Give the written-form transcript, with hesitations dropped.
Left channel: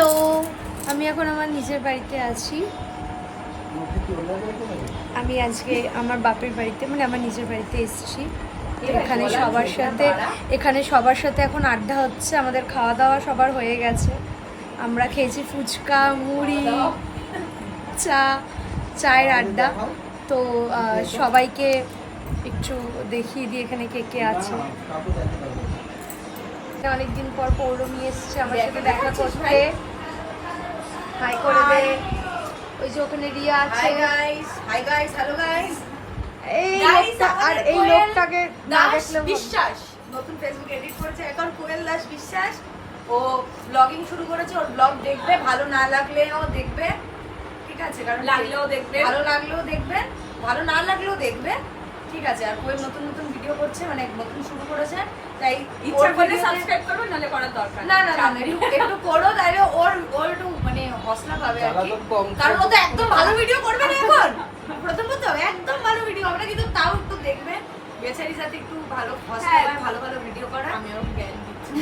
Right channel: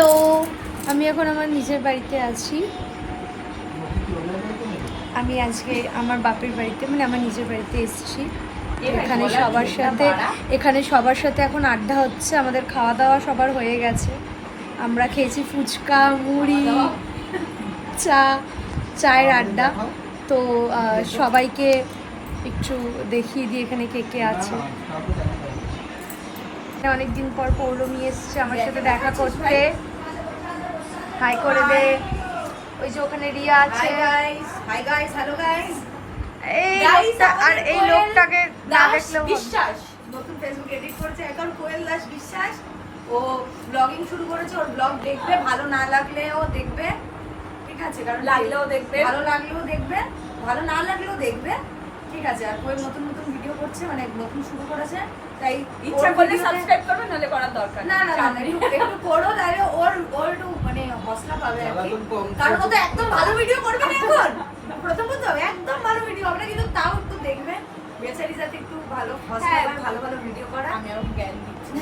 Hello, আমি এখন আমার নিজের বাড়িতে আছি। আমি আজকে আমার বাপের বাড়িতে মানে আমার নিজের বাড়িতে এসেছি। এখানে সবার সাথে এখন আড্ডা হচ্ছে। আমাদের খাওয়া দাওয়া সবার হয়ে গেছে। আমরা খেয়েছি ফুচকা, মুড়ি, চায়ের আড্ডা। তো সবাইকে একটু দেখিয়ে দিই এখানে কে কে আছে। অনেকদিন পর পৌলমী এসছে আমার সাথে দেখা করতে। হাই করে দে। ওই যে ওখানে রিয়া আছে। Hi guys, hello guys. এই লোকটাকে না দেখলেও বিশ্বাস নতুন ফেসবুক এডিট করেছে এখন কোয়েল দাস বিশ্বাস। ও ব্লগিং শুরু করেছে। ওর ব্লগ দেখবে, ভালো না লাগলেও দেখবে, ঠিক আছে? কারণ লাগলেও দেখবে, ভালো লাগলেও দেখবে, ভালো না লাগলেও দেখবে, ঠিক আছে? আর কোয়েল নতুন নতুন ভিডিও করছে, মানে নতুন শুরু করেছে, তাই ইচ্ছা করলে সাবস্ক্রাইব করবে, নালে করার দরকার না। একটু করো, তাইলে ওর একটু মানে হসলা পাবে আর কি। কারণ ও তো একদম ভালো ভিডিও করবে না এখন। প্রথমত একদম ভালো ভিডিও হবে না, কিন্তু তাও একটু দেখবে বেচারি যাতে একটু ভালো হসলা, ভালো ভালো ভিডিও করা। আমি ওকে জ্ঞান দিচ্ছি।